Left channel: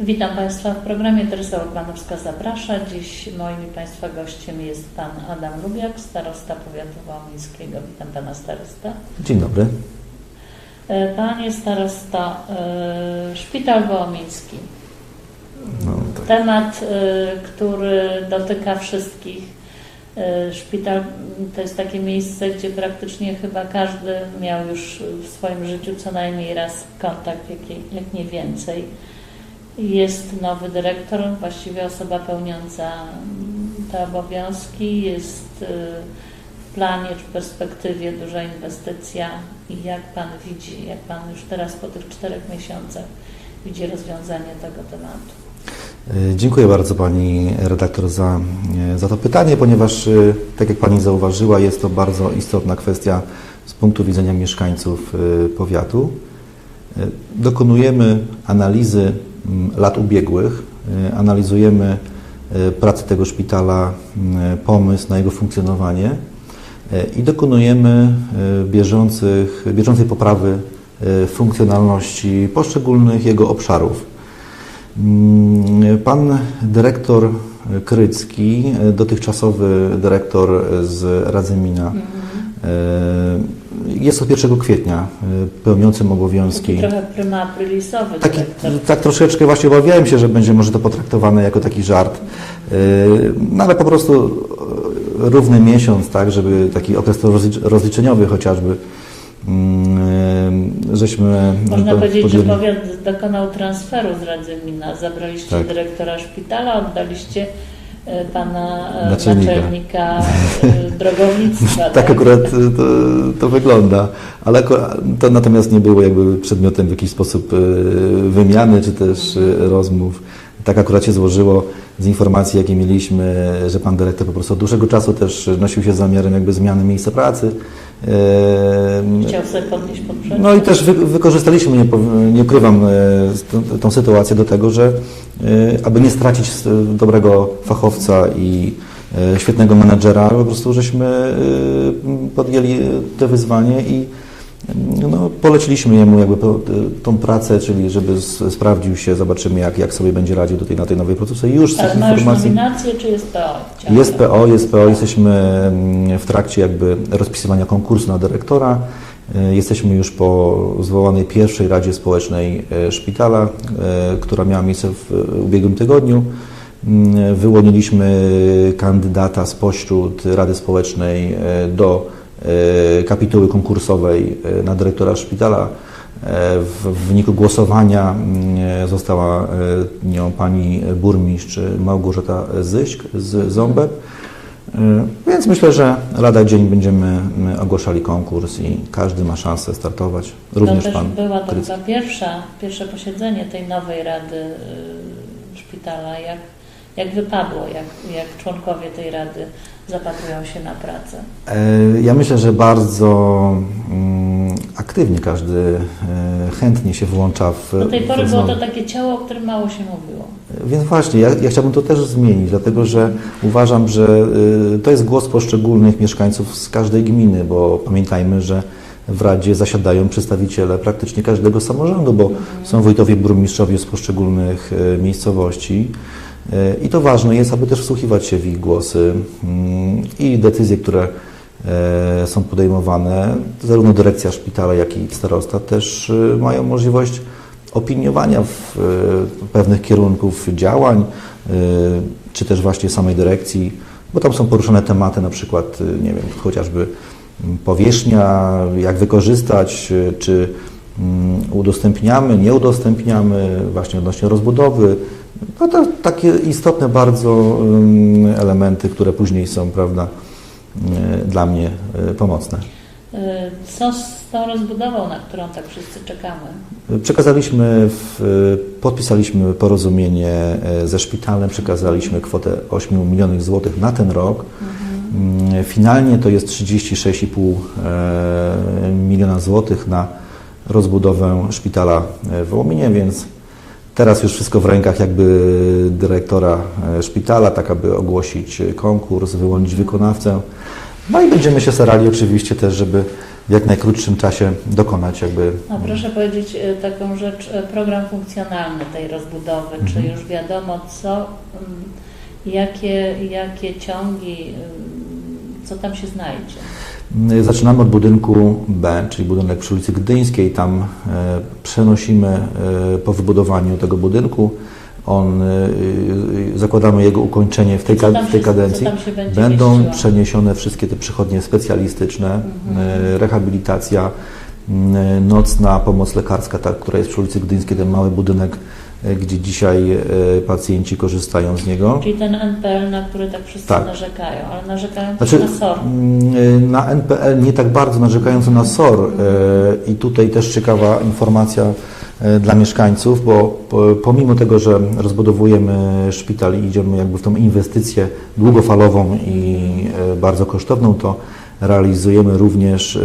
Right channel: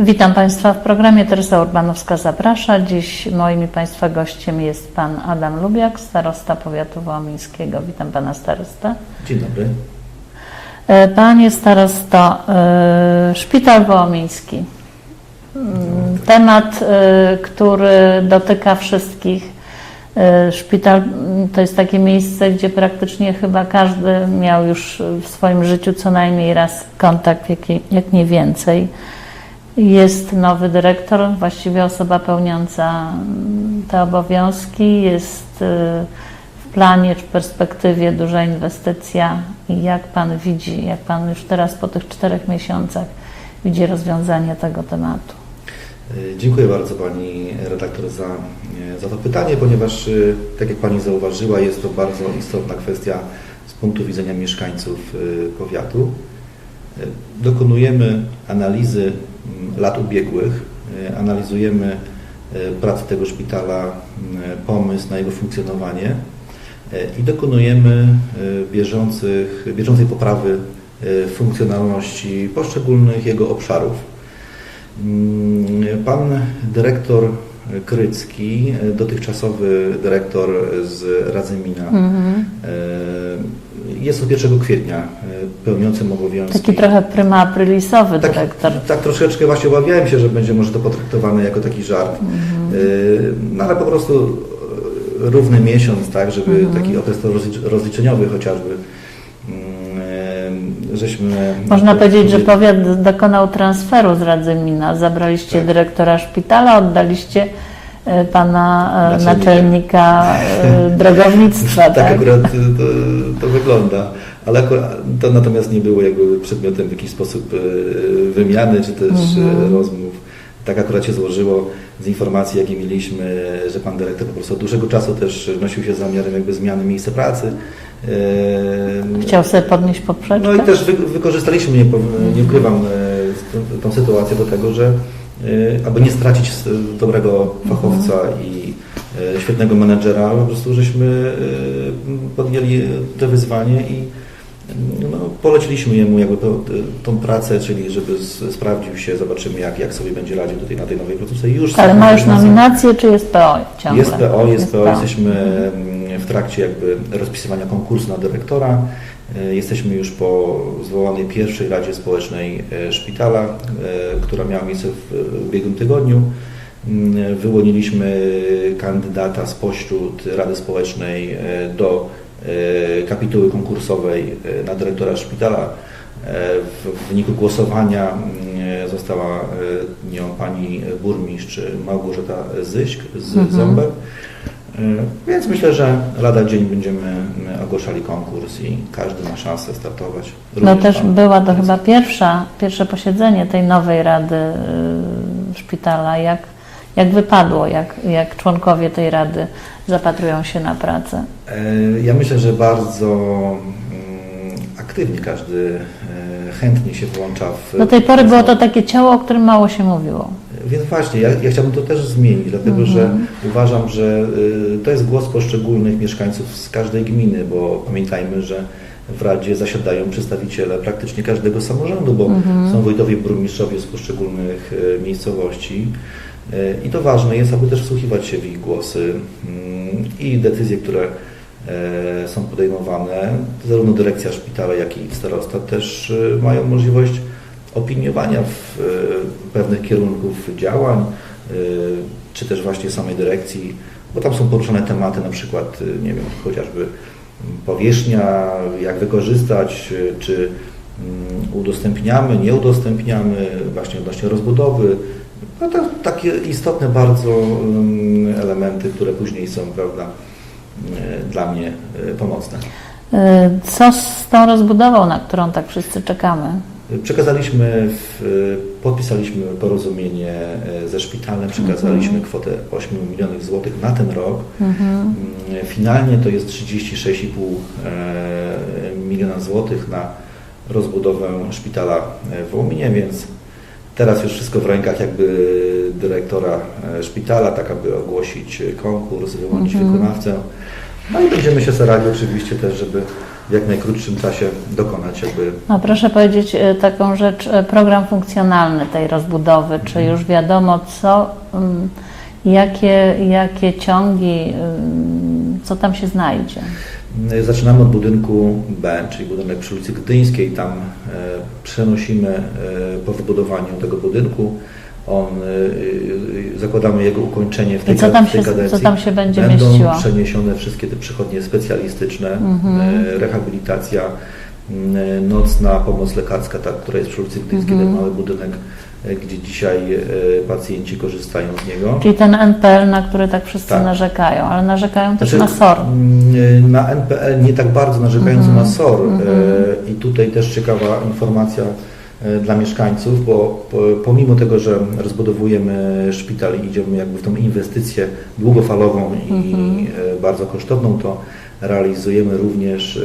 Witam Państwa w programie Teresa Urbanowska zaprasza. Dziś moim i Państwa gościem jest Pan Adam Lubiak, starosta powiatu wołomińskiego. Witam Pana starosta. Dzień dobry. E, Panie starosto, e, Szpital Wołomiński. Mm, Temat, e, który dotyka wszystkich. E, Szpital to jest takie miejsce, gdzie praktycznie chyba każdy miał już w swoim życiu co najmniej raz kontakt, jak, jak nie więcej. Jest nowy dyrektor, właściwie osoba pełniąca mm, te obowiązki. Jest y, w planie czy perspektywie duża inwestycja. I jak Pan widzi, jak Pan już teraz po tych czterech miesiącach widzi rozwiązanie tego tematu? E, Dziękuję bardzo Pani redaktor za, e, za to pytanie, ponieważ, e, tak jak Pani zauważyła, jest to bardzo istotna kwestia z punktu widzenia mieszkańców e, powiatu. Dokonujemy analizy m, lat ubiegłych, analizujemy pracę tego szpitala, pomysł na jego funkcjonowanie i dokonujemy bieżących, bieżącej poprawy funkcjonalności poszczególnych jego obszarów. Mm, Pan dyrektor Krycki, e, dotychczasowy dyrektor z Radzymina, Mhm. e, jest od 1 kwietnia e, pełniącym obowiązki. Taki trochę prima aprilisowy Taki- dyrektor. tak troszeczkę właśnie obawiałem się, że będzie może to potraktowane jako taki żart, Mhm. No ale po prostu równy miesiąc, tak, żeby Mhm. taki okres rozlicz- rozliczeniowy chociażby, mm, żeśmy... Można powiedzieć, że powiat dokonał transferu z Radzymina. Zabraliście Tak. dyrektora szpitala, oddaliście e, pana e, Naczelnika. naczelnika e, drogownictwa. Tak akurat y, to, to wygląda, ale akurat, to natomiast nie było jakby przedmiotem w jakiś sposób wymiany czy też Mhm. rozmów. Tak akurat się złożyło z informacji, jakie mieliśmy, że pan dyrektor po prostu od dłuższego czasu też nosił się z zamiarem jakby zmiany miejsca pracy. Y, Chciał sobie podnieść poprzeczkę? no i też wy, wykorzystaliśmy, nie, nie ukrywam, e, tą, tą sytuację do tego, że e, aby nie stracić dobrego fachowca i świetnego menadżera, po prostu żeśmy podjęli to wyzwanie i no, poleciliśmy jemu jakby po, tą pracę, czyli żeby sprawdził się, zobaczymy jak, jak sobie będzie radził tutaj na tej nowej. I już Ale ma już nominację, czy jest PO ciągle? jest PO, jest PO, PO. jesteśmy mm, w trakcie jakby rozpisywania konkursu na dyrektora. Y, Jesteśmy już po zwołanej pierwszej Radzie Społecznej e, Szpitala, która miała miejsce w ubiegłym tygodniu. Mm, Wyłoniliśmy kandydata spośród Rady Społecznej do kapituły konkursowej e, na dyrektora szpitala. E, W wyniku głosowania mm, została e, nią pani burmistrz Małgorzata Zyśk z Mhm. Ząbek. E, Więc myślę, że lada dzień będziemy mm, ogłaszali konkurs i każdy ma szansę startować. No Również też pan była to chyba pierwsza, pierwsze posiedzenie tej nowej rady y, szpitala. Jak, jak wypadło, jak, jak członkowie tej rady zapatrują się na pracę? E, Ja myślę, że bardzo mm, aktywnie każdy e, chętnie się włącza w. Do tej pory było to takie ciało, o którym mało się mówiło. Więc właśnie, ja, ja chciałbym to też zmienić, dlatego że Mhm. uważam, że to jest głos poszczególnych mieszkańców z każdej gminy, bo pamiętajmy, że w Radzie zasiadają przedstawiciele praktycznie każdego samorządu, bo Mhm. są wójtowie, burmistrzowie z poszczególnych miejscowości. Y, I to ważne jest, aby też wsłuchiwać się w ich głosy mm, i decyzje, które e, są podejmowane. Zarówno dyrekcja szpitala, jak i starosta też y, mają możliwość opiniowania w pewnych kierunków działań, czy też właśnie samej dyrekcji, bo tam są poruszone tematy, na przykład, nie wiem, chociażby mm, powierzchnia, jak wykorzystać, czy mm, udostępniamy, nie udostępniamy, właśnie odnośnie rozbudowy. No to takie istotne bardzo elementy, które później są, prawda, y, dla mnie y, pomocne. Y, Co z tą rozbudową, na którą tak wszyscy czekamy? Przekazaliśmy, podpisaliśmy porozumienie e, ze szpitalem, przekazaliśmy kwotę 8 milionów złotych na ten rok. Mm, Finalnie to jest 36,5 e, miliona złotych na rozbudowę szpitala w Wołominie, więc Teraz już wszystko w rękach jakby dyrektora e, szpitala, tak aby ogłosić e, konkurs, wyłonić wykonawcę. No i będziemy się starali oczywiście też, żeby w jak najkrótszym czasie dokonać jakby No, proszę powiedzieć e, taką rzecz, program funkcjonalny tej rozbudowy, czy już wiadomo co, mm, jakie, jakie ciągi, mm, co tam się znajdzie? Zaczynamy od budynku B, czyli budynek przy ulicy Gdyńskiej. Tam e, przenosimy e, po wybudowaniu tego budynku. On, e, zakładamy jego ukończenie w tej, co tam tej się- co kadencji. tam się będzie Będą mieściło? przeniesione wszystkie te przychodnie specjalistyczne, Mhm. rehabilitacja, nocna pomoc lekarska, ta, która jest przy ulicy Gdyńskiej, Mhm. ten mały budynek, gdzie dzisiaj e, pacjenci korzystają z niego. Czyli ten NPL, na który tak wszyscy Tak. narzekają, ale narzekają też Znaczy, na SOR. mm, Na NPL nie tak bardzo narzekając Mhm. na SOR e, i tutaj też ciekawa informacja e, dla mieszkańców, bo po- pomimo tego, że rozbudowujemy szpital i idziemy jakby w tą inwestycję długofalową i Mhm. e, bardzo kosztowną, to realizujemy również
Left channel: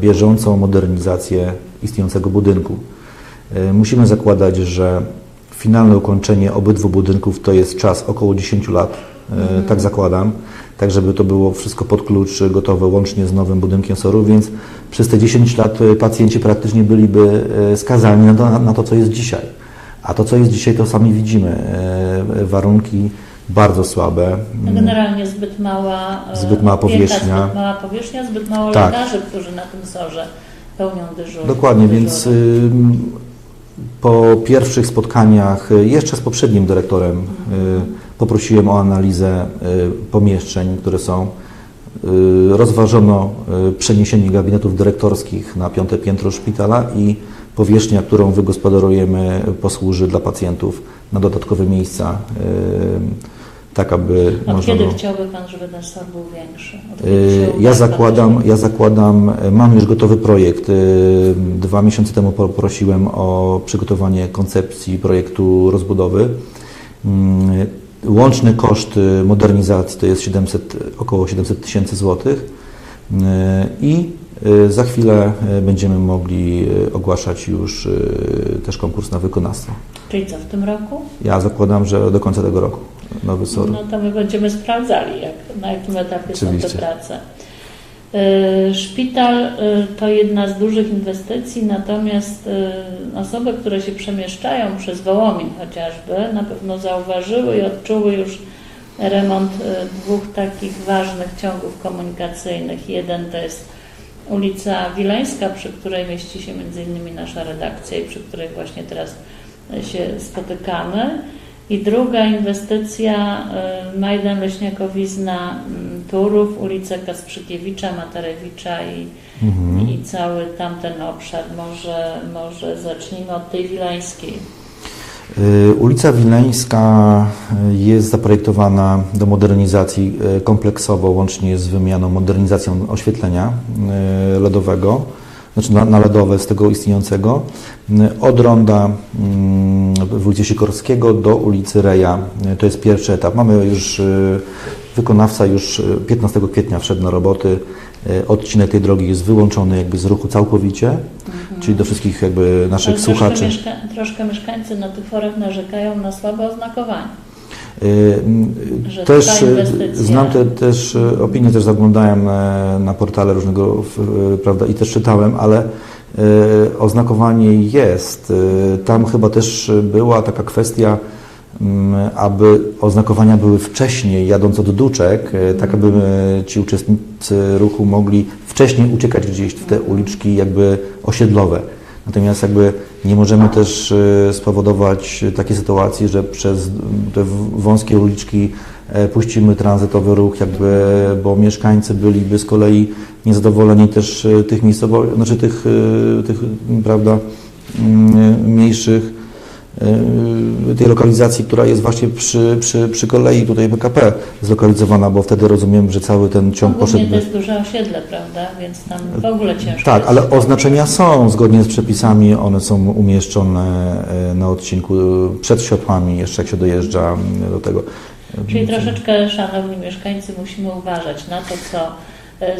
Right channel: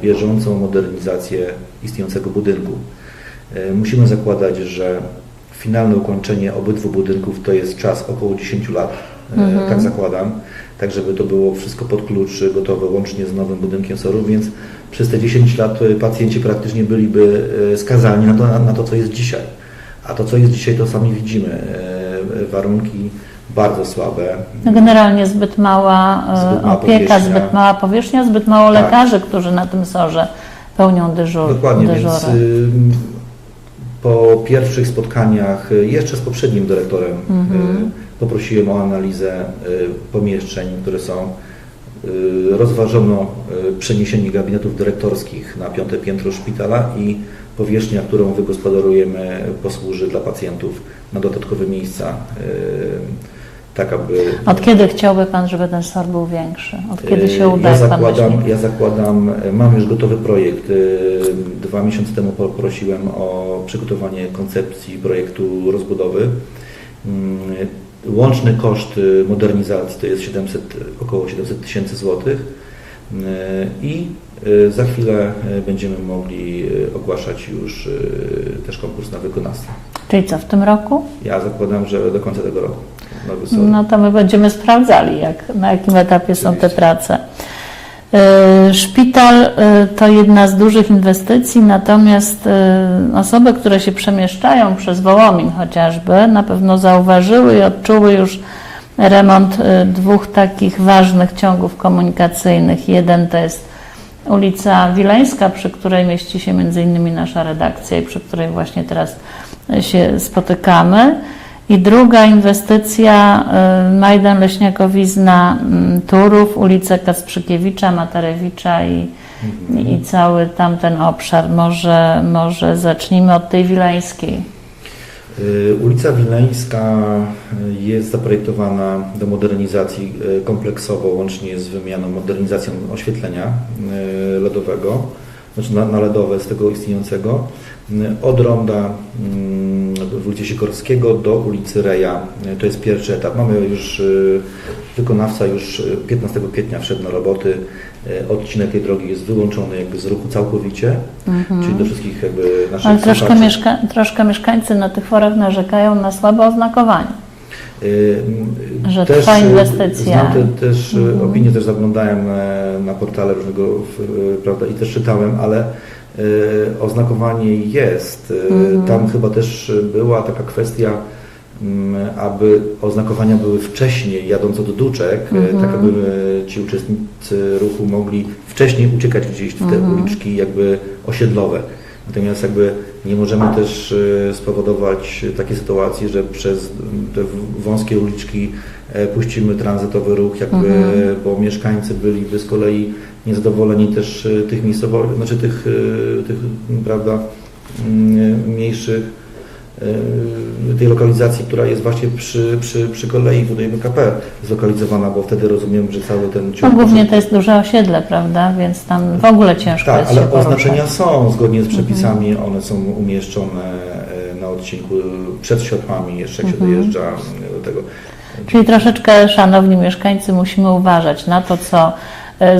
bieżącą modernizację istniejącego budynku. E, Musimy zakładać, że finalne ukończenie obydwu budynków to jest czas około 10 lat, e, tak zakładam, tak żeby to było wszystko pod klucz gotowe łącznie z nowym budynkiem SOR-u, więc przez te 10 lat e, pacjenci praktycznie byliby skazani na to, na to, co jest dzisiaj. A to, co jest dzisiaj, to sami widzimy. Warunki bardzo słabe. No Generalnie zbyt mała Zbyt mała opieka, powierzchnia. zbyt mała powierzchnia, zbyt mało Tak. lekarzy, którzy na tym sorze pełnią dyżur, Dokładnie, dyżury. więc po pierwszych spotkaniach, y, jeszcze z poprzednim dyrektorem, y, poprosiłem o analizę y, pomieszczeń, które są. Rozważono przeniesienie gabinetów dyrektorskich na piąte piętro szpitala i powierzchnia, którą wygospodarujemy, posłuży dla pacjentów na dodatkowe miejsca, tak aby... Od można kiedy chciałby Pan, żeby ten SOR był większy? Od kiedy się uda Ja zakładam, ja zakładam, e, mam już gotowy projekt. Yy, Dwa miesiące temu poprosiłem o przygotowanie koncepcji projektu rozbudowy. Mm, Łączny koszt modernizacji to jest 700, około 700 tysięcy złotych i za chwilę będziemy mogli ogłaszać już też konkurs na wykonawstwo. Czyli co, w tym roku? Ja zakładam, że do końca tego roku. Nowy SOR. No to my będziemy sprawdzali, jak, na jakim etapie są te Oczywiście. prace. Y, Szpital y, to jedna z dużych inwestycji, natomiast y, osoby, które się przemieszczają przez Wołomin chociażby, na pewno zauważyły i odczuły już remont dwóch takich ważnych ciągów komunikacyjnych. Jeden to jest ulica Wileńska, przy której mieści się między innymi nasza redakcja i przy której właśnie teraz się spotykamy. I druga inwestycja y, Majdan Leśniakowizna mm, Turów, ulica Kasprzykiewicza, Matarewicza i, Mhm. i cały tamten obszar. Może, może zacznijmy od tej wileńskiej. Y, Ulica Wileńska y, jest zaprojektowana do modernizacji kompleksowo, łącznie z wymianą, modernizacją oświetlenia LEDowego, znaczy na, na LEDowe z tego istniejącego, y, od ronda mm, Wójcie Sikorskiego do ulicy Reja. Y, To jest pierwszy etap. Mamy już, y, wykonawca już y, 15 kwietnia wszedł na roboty. Y, Odcinek tej drogi jest wyłączony jakby z ruchu całkowicie, czyli do wszystkich jakby naszych Ale troszkę, słuchaczy. mieszka- troszkę mieszkańcy na tych forach narzekają na słabe oznakowanie. Że też trwa y, inwestycja. znam te, też y, opinie, też zaglądałem e, na portale różnego, prawda, i też czytałem, ale y, oznakowanie jest. Y, Mhm. Tam chyba też była taka kwestia, mm, aby oznakowania były wcześniej, jadąc od duczek, Mhm. tak aby ci uczestnicy ruchu mogli wcześniej uciekać gdzieś w te Mhm. uliczki jakby osiedlowe. Natomiast jakby nie możemy też e, spowodować takiej sytuacji, że przez te wąskie uliczki e, puścimy tranzytowy ruch, jakby, bo mieszkańcy byliby z kolei niezadowoleni też e, tych miejscowości, znaczy tych, tych prawda, mniejszych tej lokalizacji, która jest właśnie przy, przy, przy kolei tutaj PKP zlokalizowana, bo wtedy rozumiem, że cały ten No, ciąg głównie poszedł- to jest duże osiedle, prawda? Więc tam w ogóle ciężko tak, ale oznaczenia są zgodnie z przepisami, one są umieszczone e, na odcinku przed światłami, jeszcze jak się dojeżdża m, do tego. Czyli troszeczkę, szanowni mieszkańcy, musimy uważać na to, co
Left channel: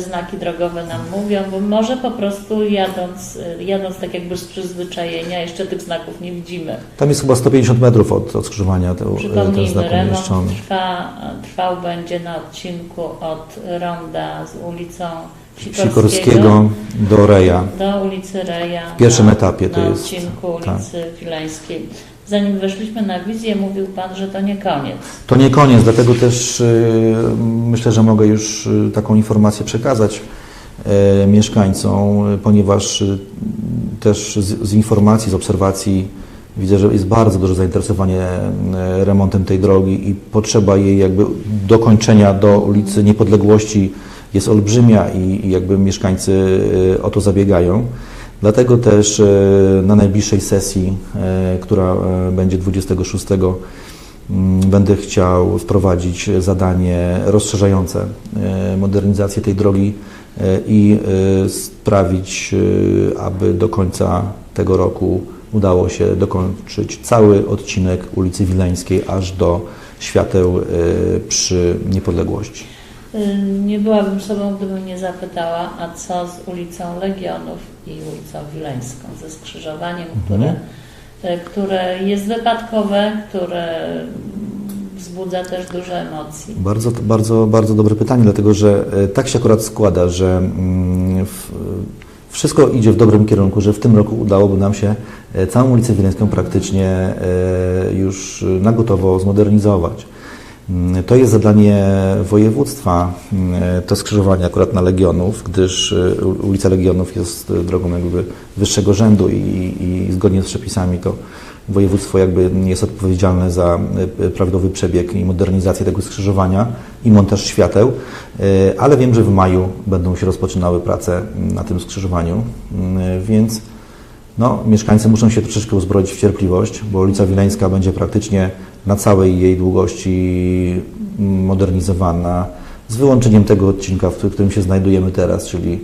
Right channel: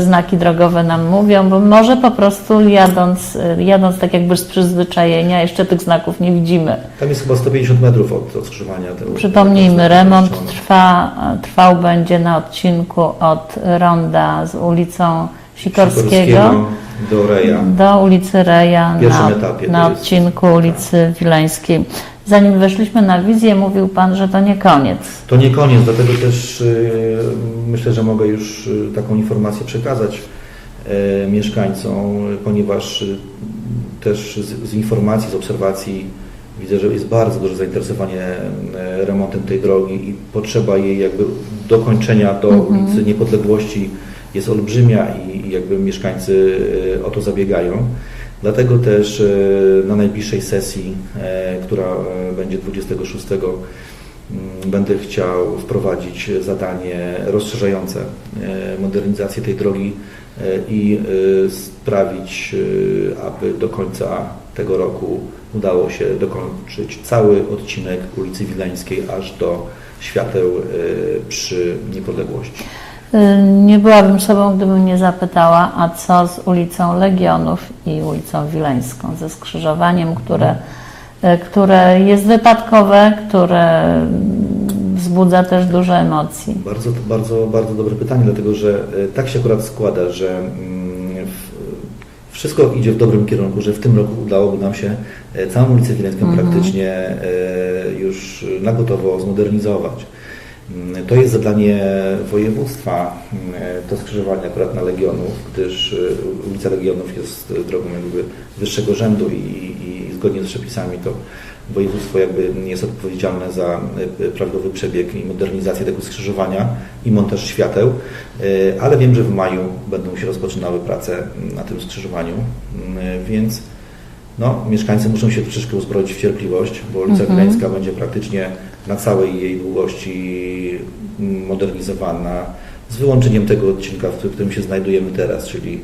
znaki drogowe nam mówią, bo może po prostu jadąc, e, jadąc tak jakby z przyzwyczajenia, jeszcze tych znaków nie widzimy. Tam jest chyba 150 metrów od, od skrzyżowania. te- te Przypomnijmy, remont trwa, trwał będzie na odcinku od Ronda z ulicą Sikorskiego, do Reja. do ulicy Reja W pierwszym na, etapie na jest- odcinku ulicy Wileńskiej. Zanim weszliśmy na wizję, mówił Pan, że to nie koniec. To nie koniec, dlatego też y, myślę, że mogę już y, taką informację przekazać y, mieszkańcom, ponieważ też z, z informacji, z obserwacji widzę, że jest bardzo duże zainteresowanie remontem tej drogi i potrzeba jej jakby dokończenia do ulicy Niepodległości jest olbrzymia i, i jakby mieszkańcy o to zabiegają. Dlatego też y, na najbliższej sesji, y, która y, będzie 26 Mm, Będę chciał wprowadzić zadanie rozszerzające e, modernizację tej drogi e, i e, sprawić, e, aby do końca tego roku udało się dokończyć cały odcinek ulicy Wileńskiej aż do świateł e, przy Niepodległości. Y, Nie byłabym sobą, gdybym nie zapytała, a co z ulicą Legionów i ulicą Wileńską, ze skrzyżowaniem, które, y, które jest wypadkowe, które wzbudza też dużo emocji. Bardzo, bardzo, bardzo dobre pytanie, dlatego że e, tak się akurat składa, że mm, w, wszystko idzie w dobrym kierunku, że w tym roku udałoby nam się e, całą ulicę Wileńską praktycznie e, już na gotowo zmodernizować. Mm, To jest zadanie województwa, mm, to skrzyżowanie akurat na Legionów, gdyż u- ulica Legionów jest e, drogą jakby wyższego rzędu i, i zgodnie z przepisami to województwo jakby jest odpowiedzialne za e, prawidłowy przebieg i modernizację tego skrzyżowania i montaż świateł, ale wiem, że w maju będą się rozpoczynały prace na tym skrzyżowaniu, więc no, mieszkańcy muszą się troszeczkę uzbroić w cierpliwość, bo ulica Wileńska będzie praktycznie na całej jej długości modernizowana, z wyłączeniem tego odcinka, w którym się znajdujemy teraz, czyli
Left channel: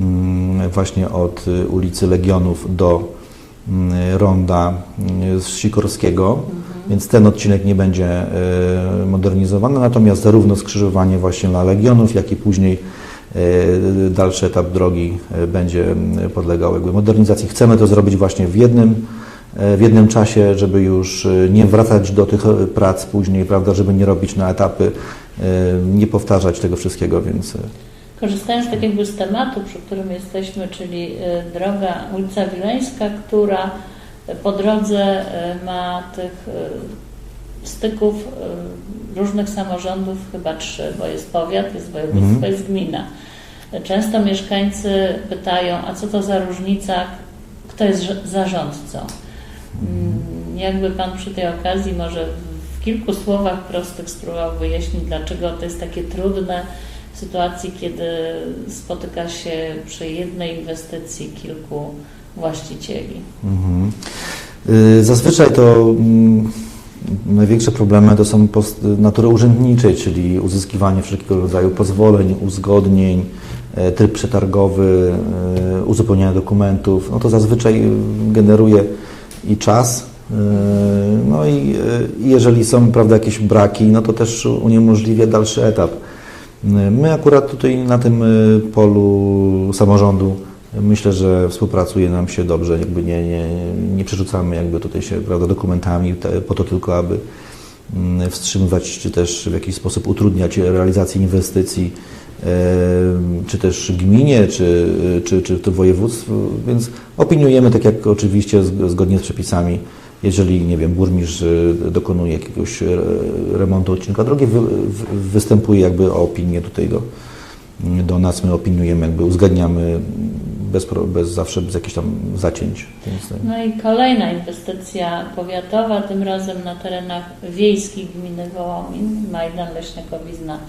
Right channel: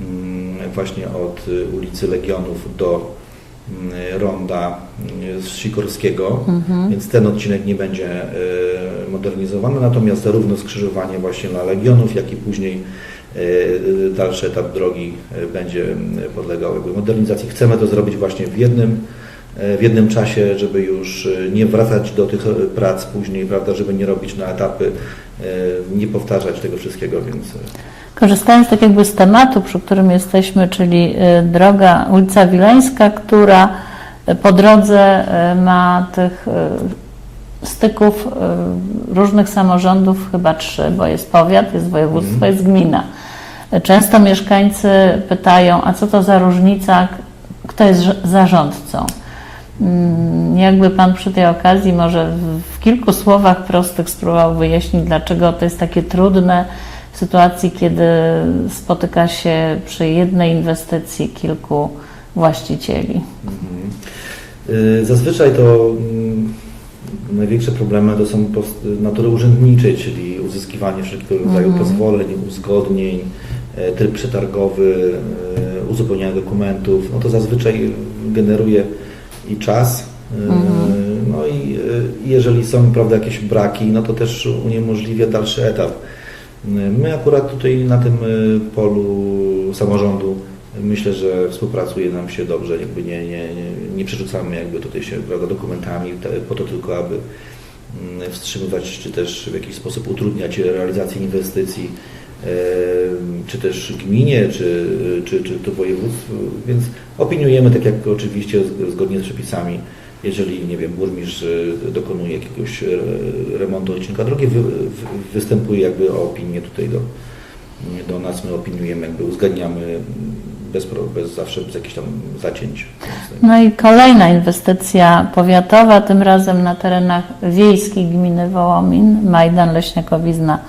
mm, właśnie od ulicy Legionów do mm, ronda y, z Sikorskiego, więc ten odcinek nie będzie y, modernizowany, natomiast zarówno skrzyżowanie właśnie dla Legionów, jak i później y, dalszy etap drogi y, będzie podlegał jakby modernizacji. Chcemy to zrobić właśnie w jednym, w jednym czasie, żeby już y, nie wracać do tych y, prac później, prawda, żeby nie robić na etapy, y, nie powtarzać tego wszystkiego, więc Korzystając tak jakby z tematu, przy którym jesteśmy, czyli droga ulica Wileńska, która po drodze ma tych styków różnych samorządów, chyba trzy, bo jest powiat, jest województwo, Mhm. jest gmina. Często mieszkańcy pytają, a co to za różnica, kto jest rz- zarządcą? Mm, Jakby Pan przy tej okazji może w- kilku słowach prostych spróbował wyjaśnić, dlaczego to jest takie trudne w sytuacji, kiedy spotyka się przy jednej inwestycji kilku właścicieli. Mhm. Y, Zazwyczaj to mm, największe problemy to są natury urzędniczej, czyli uzyskiwanie wszelkiego rodzaju pozwoleń, uzgodnień, e, tryb przetargowy, e, uzupełnianie dokumentów. No to zazwyczaj generuje i czas. e, No i e, jeżeli są prawda, jakieś braki, no to też uniemożliwia dalszy etap. My akurat tutaj na tym y, polu samorządu myślę, że współpracuje nam się dobrze, jakby nie, nie, nie przerzucamy jakby tutaj się prawda, dokumentami po to tylko, aby mm, wstrzymywać czy też w jakiś sposób utrudniać realizację inwestycji czy też gminie, czy, czy, czy to województwu, więc opiniujemy tak jak oczywiście zg- zgodnie z przepisami. Jeżeli, nie wiem, burmistrz y, dokonuje jakiegoś e, remontu odcinka drogi, wy, wy- występuje jakby o opinię tutaj do, do nas, my opiniujemy, jakby uzgadniamy bez, bez zawsze bez jakichś tam zacięć. No i kolejna inwestycja powiatowa, tym razem na terenach wiejskich gminy Wołomin, Majdan, Leśniakowizna,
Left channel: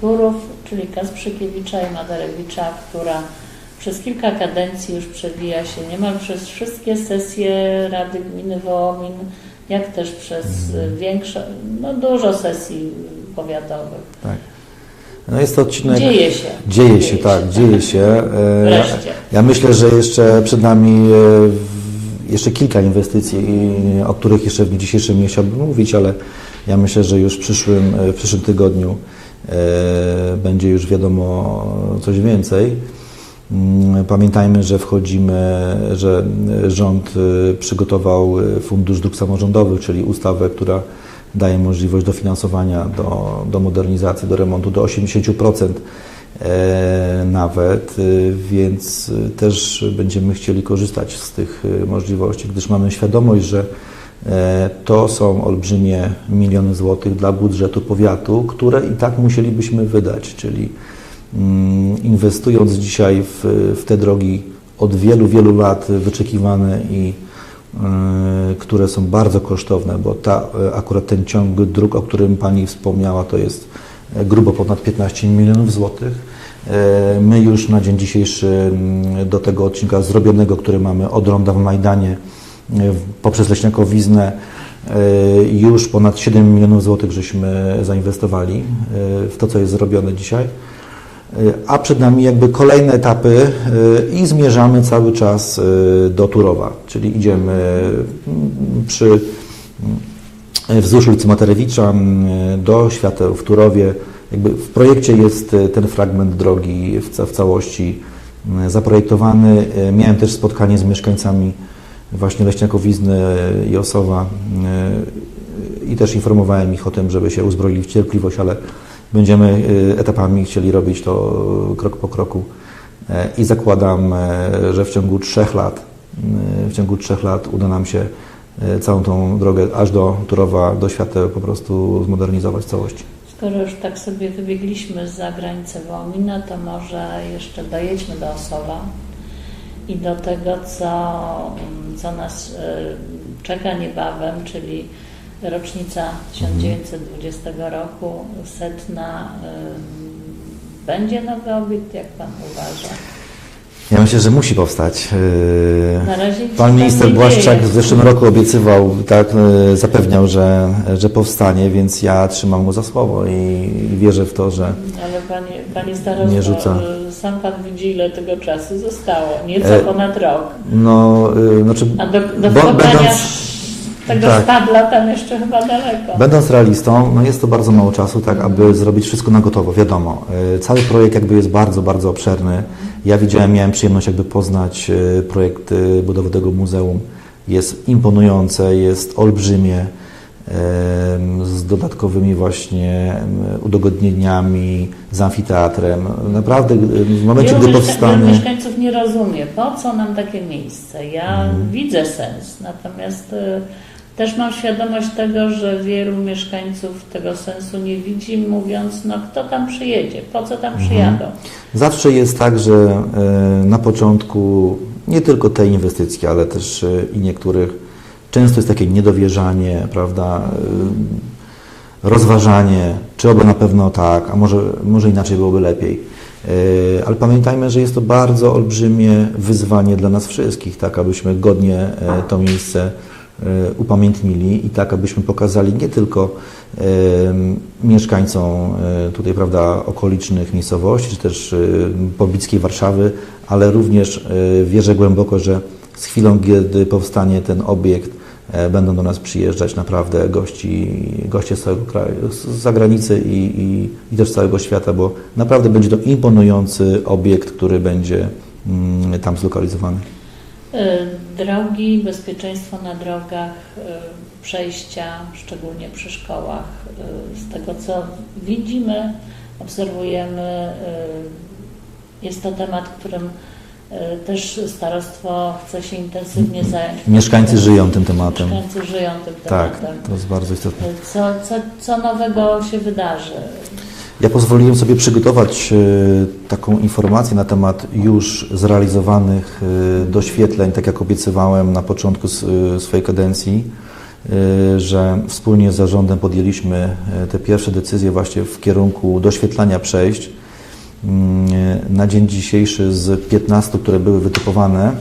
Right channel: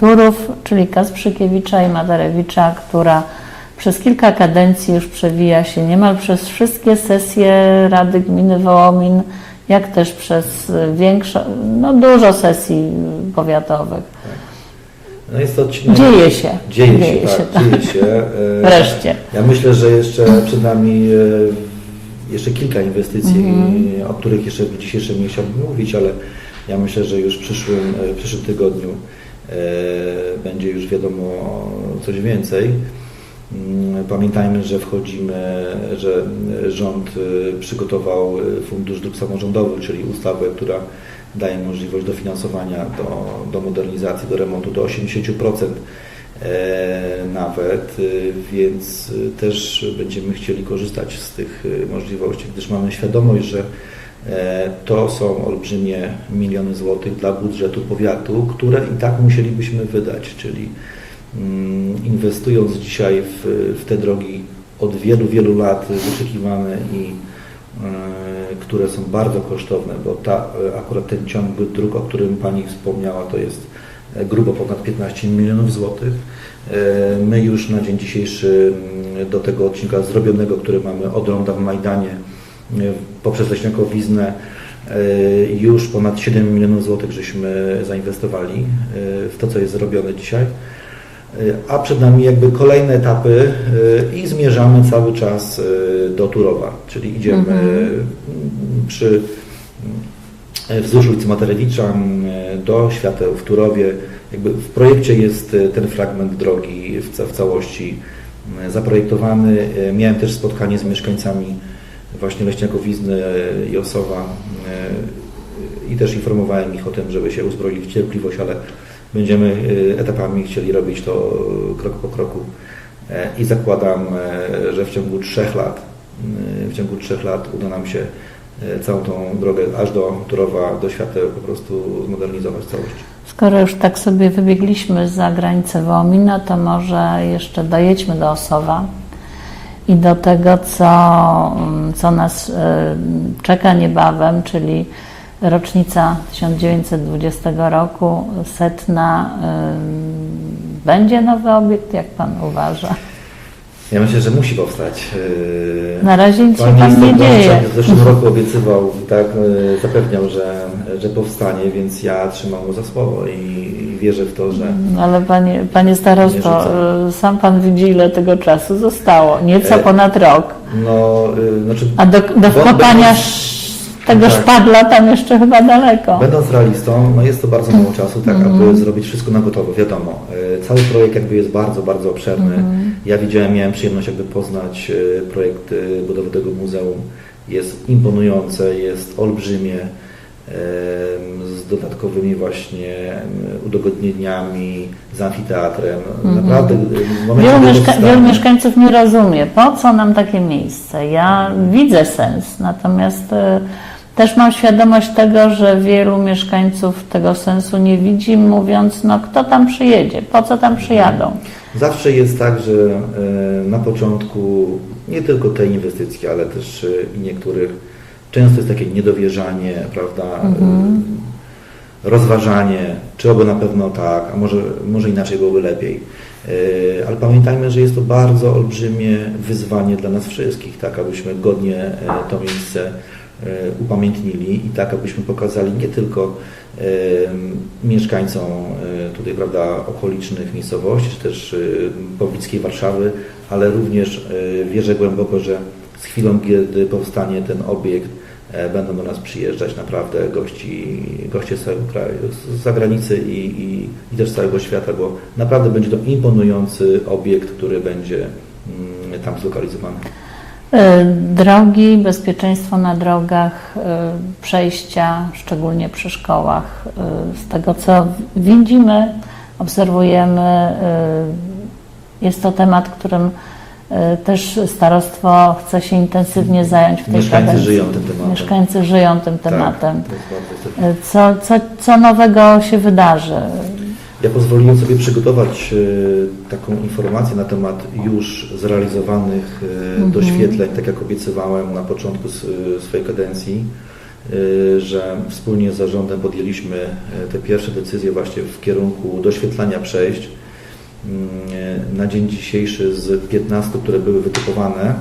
Turów, czyli Kasprzykiewicza i Madarewicza, która przez kilka kadencji już przewija się niemal przez wszystkie sesje Rady Gminy Wołomin, jak też przez większo, no dużo sesji powiatowych. tak. No jest to odcinek... Dzieje się. Dzieje się, tak, dzieje się. Wreszcie. Ja myślę, że jeszcze przed nami e, jeszcze kilka inwestycji, Mhm. o których jeszcze w dzisiejszym nie chciałbym mówić, ale ja myślę, że już w przyszłym, e, w przyszłym tygodniu będzie już wiadomo coś więcej. Mm, Pamiętajmy, że wchodzimy, że rząd y, przygotował y, Fundusz Dróg Samorządowych, czyli ustawę, która daje możliwość dofinansowania do, do modernizacji, do remontu do 80% e, nawet, więc też będziemy chcieli korzystać z tych możliwości, gdyż mamy świadomość, że e, to są olbrzymie miliony złotych dla budżetu powiatu, które i tak musielibyśmy wydać, czyli mm, inwestując dzisiaj w, w te drogi od wielu, wielu lat wyczekiwane i y, które są bardzo kosztowne, bo ta, y, akurat ten ciąg dróg, o którym Pani wspomniała, to jest e, grubo ponad 15 milionów złotych. E, My już na dzień dzisiejszy mm, do tego odcinka zrobionego, który mamy od ronda w Majdanie e, poprzez Leśniakowiznę e, już ponad 7 milionów złotych żeśmy zainwestowali e, w to, co jest zrobione dzisiaj. A przed nami jakby kolejne etapy i zmierzamy cały czas do Turowa, czyli idziemy mm, przy wzdłuż ulicy Materewicza do świateł w Turowie. Jakby w projekcie jest ten fragment drogi w, ca- w całości zaprojektowany. Miałem też spotkanie z mieszkańcami właśnie Leśniakowizny e, i Osowa e, i też informowałem ich o tym, żeby się uzbroili w cierpliwość, ale będziemy e, etapami chcieli robić to krok po kroku E, i zakładam, że w ciągu trzech lat, w ciągu trzech lat uda nam się całą tą drogę aż do Turowa, do świateł po prostu zmodernizować w całości. Skoro już tak sobie wybiegliśmy za granicę Wołomina, to może jeszcze dojedźmy do Osowa i do tego, co, mm, co nas e, czeka niebawem, czyli rocznica 1920 roku, setna. Będzie nowy obiekt, jak Pan uważa? Ja myślę, że musi powstać. E, Na razie Pan minister Błaszczak w zeszłym roku obiecywał, tak, e, zapewniał, że, że powstanie, więc ja trzymam mu za słowo i, i wierzę w to, że Ale panie, panie Nie starosto, e, sam pan widzi, ile tego czasu zostało. Nieco E, ponad rok. no, e, znaczy, A do, do wkopania tego tak. szpadla tam jeszcze chyba daleko. Będąc realistą, no jest to bardzo mało czasu, tak, Mhm. aby zrobić wszystko na gotowo, wiadomo. e, Cały projekt jakby jest bardzo, bardzo obszerny. Mhm. Ja widziałem, miałem przyjemność jakby poznać e, projekt e, budowy tego muzeum. Jest imponujące, jest olbrzymie, z dodatkowymi właśnie udogodnieniami, z amfiteatrem. Naprawdę e, w momencie, Mhm. Wielu, gdy mieszka- wielu powstanie... mieszkańców nie rozumie, po co nam takie miejsce. Ja Mhm. widzę sens, natomiast e, też mam świadomość tego, że wielu mieszkańców tego sensu nie widzi, mówiąc, no kto tam przyjedzie, po co tam przyjadą. Zawsze jest tak, że e, na początku nie tylko tej inwestycji, ale też e, i niektórych, często jest takie niedowierzanie, prawda? e, Rozważanie, czy oby na pewno tak, a może, może inaczej byłoby lepiej. E, Ale pamiętajmy, że jest to bardzo olbrzymie wyzwanie dla nas wszystkich, tak, abyśmy godnie e, to miejsce e, upamiętnili i tak, abyśmy pokazali nie tylko mieszkańcom e, tutaj, prawda, okolicznych miejscowości, czy też e, poblickiej Warszawy, ale również wierzę głęboko, że z chwilą, kiedy powstanie ten obiekt, będą do nas przyjeżdżać naprawdę gości, goście z całego kraju, z zagranicy i, i, i też z całego świata, bo naprawdę będzie to imponujący obiekt, który będzie mm, tam zlokalizowany. E, Drogi, bezpieczeństwo na drogach, e, przejścia, szczególnie przy szkołach. E, Z tego co widzimy, obserwujemy, e, jest to temat, którym e, też starostwo chce się intensywnie zająć. w Mieszkańcy żyją tym tematem. Mieszkańcy żyją tym tematem. Tak, to jest bardzo istotne. E, Co, co, co nowego się wydarzy? Ja pozwoliłem sobie przygotować e, taką informację na temat już zrealizowanych e, doświetleń, tak jak obiecywałem na początku e, swojej kadencji, e, że wspólnie z zarządem podjęliśmy e, te pierwsze decyzje właśnie w kierunku doświetlania przejść. E, Na dzień dzisiejszy z 15, które były wytypowane,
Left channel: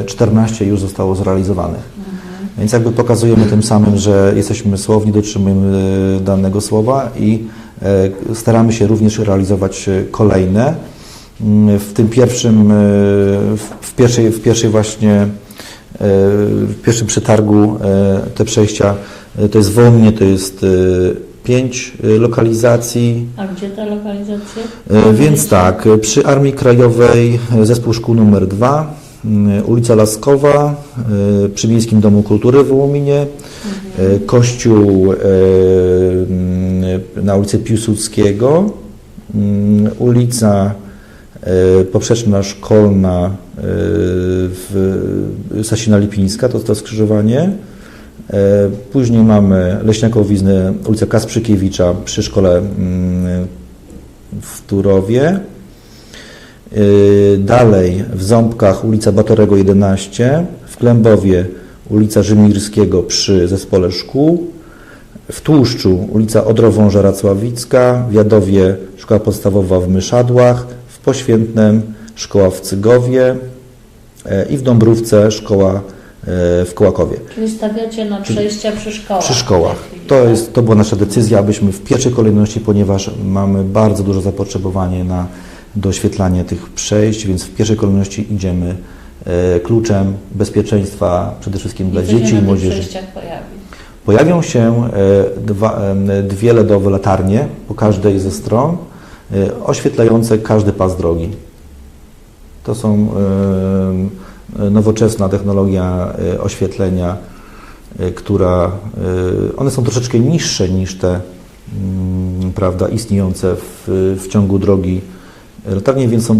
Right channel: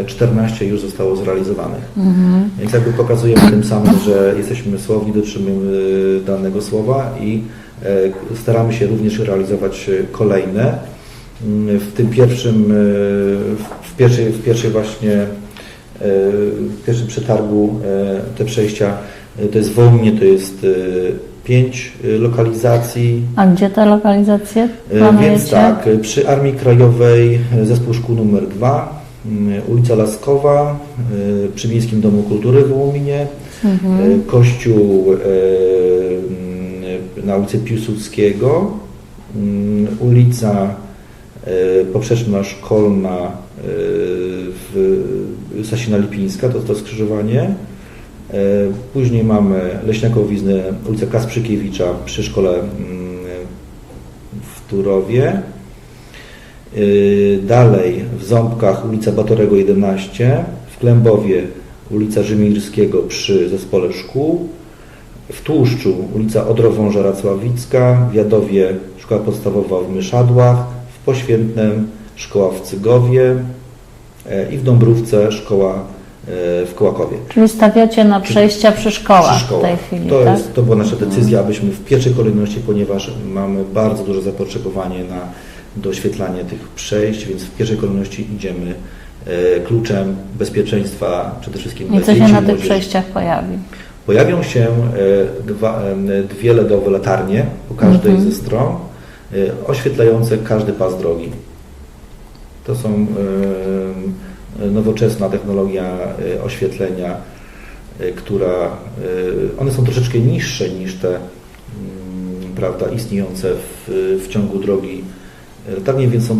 e, 14 już zostało zrealizowanych. Więc jakby pokazujemy tym samym, że jesteśmy słowni, dotrzymujemy e, danego słowa i e, staramy się również realizować e, kolejne. Mm, W tym pierwszym, e, w- pierwszej, w pierwszej właśnie, e, w pierwszym przetargu e, te przejścia, e, to jest Wołomnie, to jest e, pięć y, lokalizacji. A gdzie te lokalizacje? E, planujecie? Więc tak, e, przy Armii Krajowej e, zespół szkół numer 2, ulica Laskowa, przy Miejskim Domu Kultury w Wołominie, Mhm. kościół na ulicy Piłsudskiego, ulica Poprzeczna Szkolna w Sasina Lipińska, to to skrzyżowanie. E, Później mamy Leśniakowiznę, ulica Kasprzykiewicza przy szkole mm, w Turowie. Yy, Dalej w Ząbkach ulica Batorego 11, w Klębowie ulica Rzymirskiego przy Zespole Szkół, w Tłuszczu ulica Odrowąża Racławicka, w Jadowie Szkoła Podstawowa w Myszadłach, w Poświętnem Szkoła w Cygowie. E, i w Dąbrówce Szkoła e, w Kołakowie. Czyli stawiacie na przejścia przy szkołach Przy szkołach. chwili, To, tak? jest, to była nasza decyzja, abyśmy w pierwszej kolejności, ponieważ mamy bardzo duże zapotrzebowanie na doświetlanie tych przejść, więc w pierwszej kolejności idziemy e, kluczem bezpieczeństwa przede wszystkim dla co się dzieci na tych młodzieży. przejściach pojawi? Pojawią się e, dwa, e, dwie LEDowe latarnie po każdej Mhm. ze stron, e, oświetlające każdy pas drogi. To są e, e, nowoczesna technologia e, oświetlenia, e, która e, one są troszeczkę niższe niż te mm, prawda, istniejące w, w ciągu drogi latarnie, więc są e,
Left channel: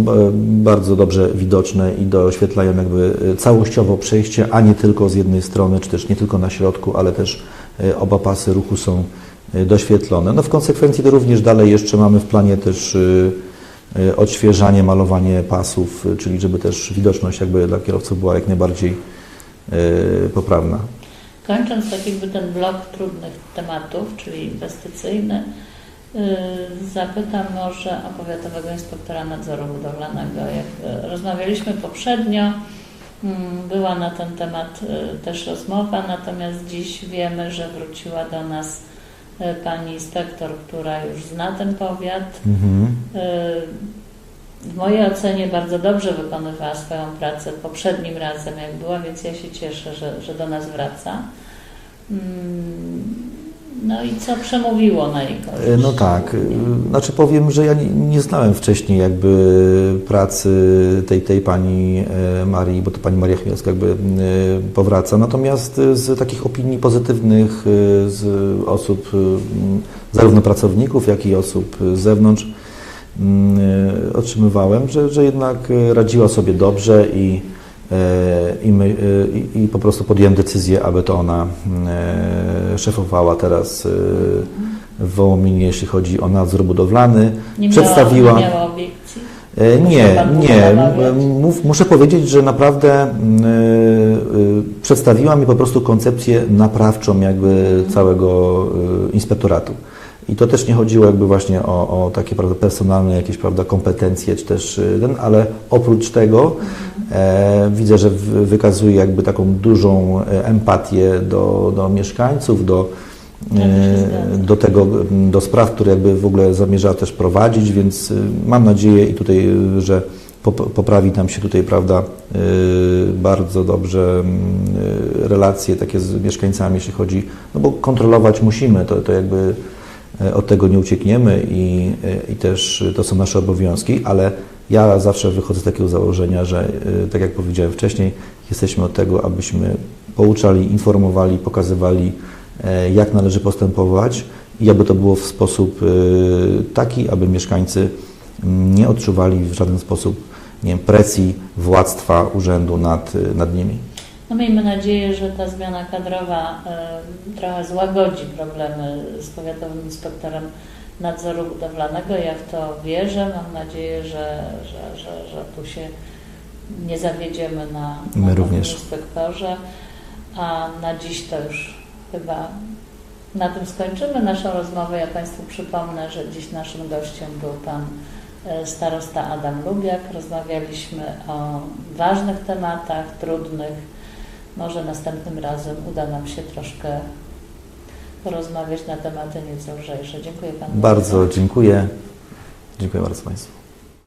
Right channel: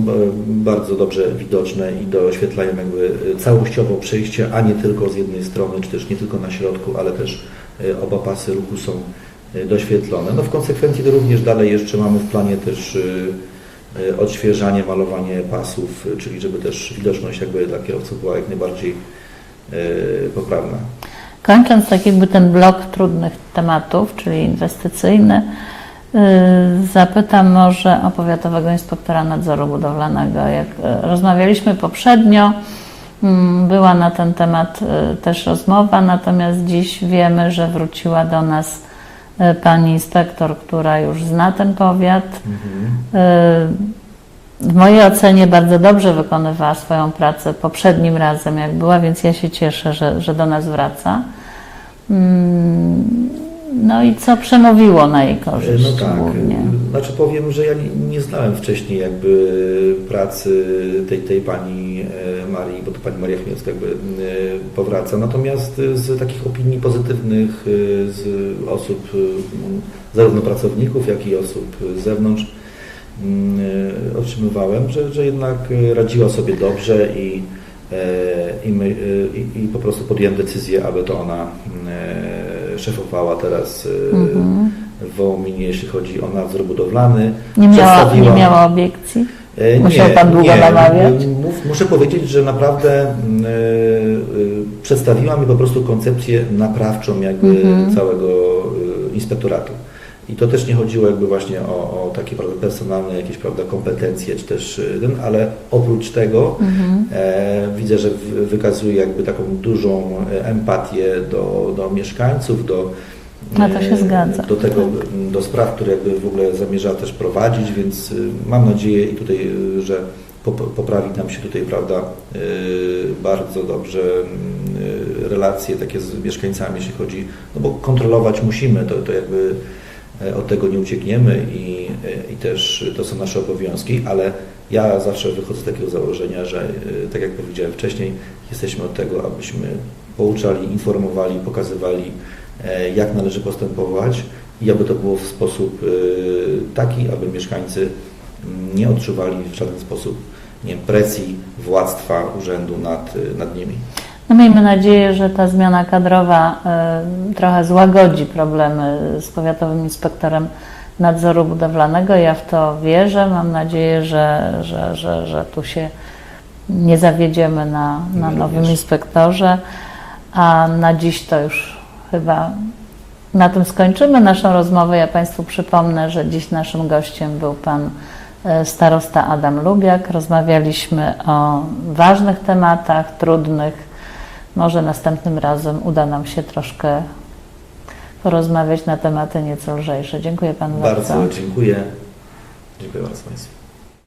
bardzo dobrze widoczne i doświetlają jakby e, całościowo przejście, a nie tylko z jednej strony, czy też nie tylko na środku, ale też e, oba pasy ruchu są e, doświetlone. No w konsekwencji to również dalej jeszcze mamy w planie też e, e, odświeżanie, malowanie pasów, e, czyli żeby też widoczność jakby dla kierowców była jak najbardziej e, poprawna. Kończąc tak jakby ten blok trudnych tematów, czyli inwestycyjny, zapytam może o Powiatowego Inspektora Nadzoru Budowlanego. Jak rozmawialiśmy poprzednio, mm, była na ten temat też rozmowa, natomiast dziś wiemy, że wróciła do nas pani inspektor, która już zna ten powiat. Yy, W mojej ocenie bardzo dobrze wykonywała swoją pracę poprzednim razem, jak była, więc ja się cieszę, że, że do nas wraca. Mm, No i co przemówiło na jej korzyść? No tak, głównie? Znaczy powiem, że ja nie, znałem wcześniej jakby pracy tej, tej pani e, Marii, bo to pani Maria Chmielska jakby e, powraca, natomiast e, z takich opinii pozytywnych z osób, zarówno pracowników, jak i osób z zewnątrz m, e, otrzymywałem, że, że jednak radziła sobie dobrze i I, my, i, I po prostu podjąłem decyzję, aby to ona szefowała teraz Mhm. W Wołominie, jeśli chodzi o nadzór budowlany. Nie miała, przedstawiła- nie miała obiekcji? E, Musiał Nie, pan długo nie. namawiać? Muszę powiedzieć, że naprawdę e, e, przedstawiła mi po prostu koncepcję naprawczą jakby Mhm. całego inspektoratu. I to też nie chodziło jakby właśnie o, o takie prawda, personalne jakieś prawda, kompetencje, czy też ten, ale oprócz tego Mhm. e, widzę, że wykazuje jakby taką dużą empatię do, do mieszkańców, do, E, do tego, m, do spraw, które jakby w ogóle zamierza też prowadzić, więc y, mam nadzieję i tutaj, y, że pop- poprawi nam się tutaj, prawda, y, bardzo dobrze mm, relacje takie z mieszkańcami, jeśli chodzi, no bo kontrolować musimy, to, to jakby y, od tego nie uciekniemy i, y, i też to są nasze obowiązki, ale ja zawsze wychodzę z takiego założenia, że tak jak powiedziałem wcześniej, jesteśmy od tego, abyśmy pouczali, informowali, pokazywali, e, jak należy postępować i aby to było w sposób y, taki, aby mieszkańcy nie odczuwali w żaden sposób nie wiem, presji władztwa urzędu nad, nad nimi. No miejmy nadzieję, że ta zmiana kadrowa y, trochę złagodzi problemy z powiatowym inspektorem nadzoru budowlanego. Ja w to wierzę. Mam nadzieję, że, że, że, że tu się nie zawiedziemy na, na My nowym również. inspektorze. A na dziś to już chyba na tym skończymy naszą rozmowę. Ja Państwu przypomnę, że dziś naszym gościem był Pan e, starosta Adam Lubiak. Rozmawialiśmy o ważnych tematach, trudnych. Może następnym razem uda nam się troszkę porozmawiać na tematy nieco lżejsze. Dziękuję Panu bardzo. Bardzo dziękuję. Dziękuję bardzo Państwu.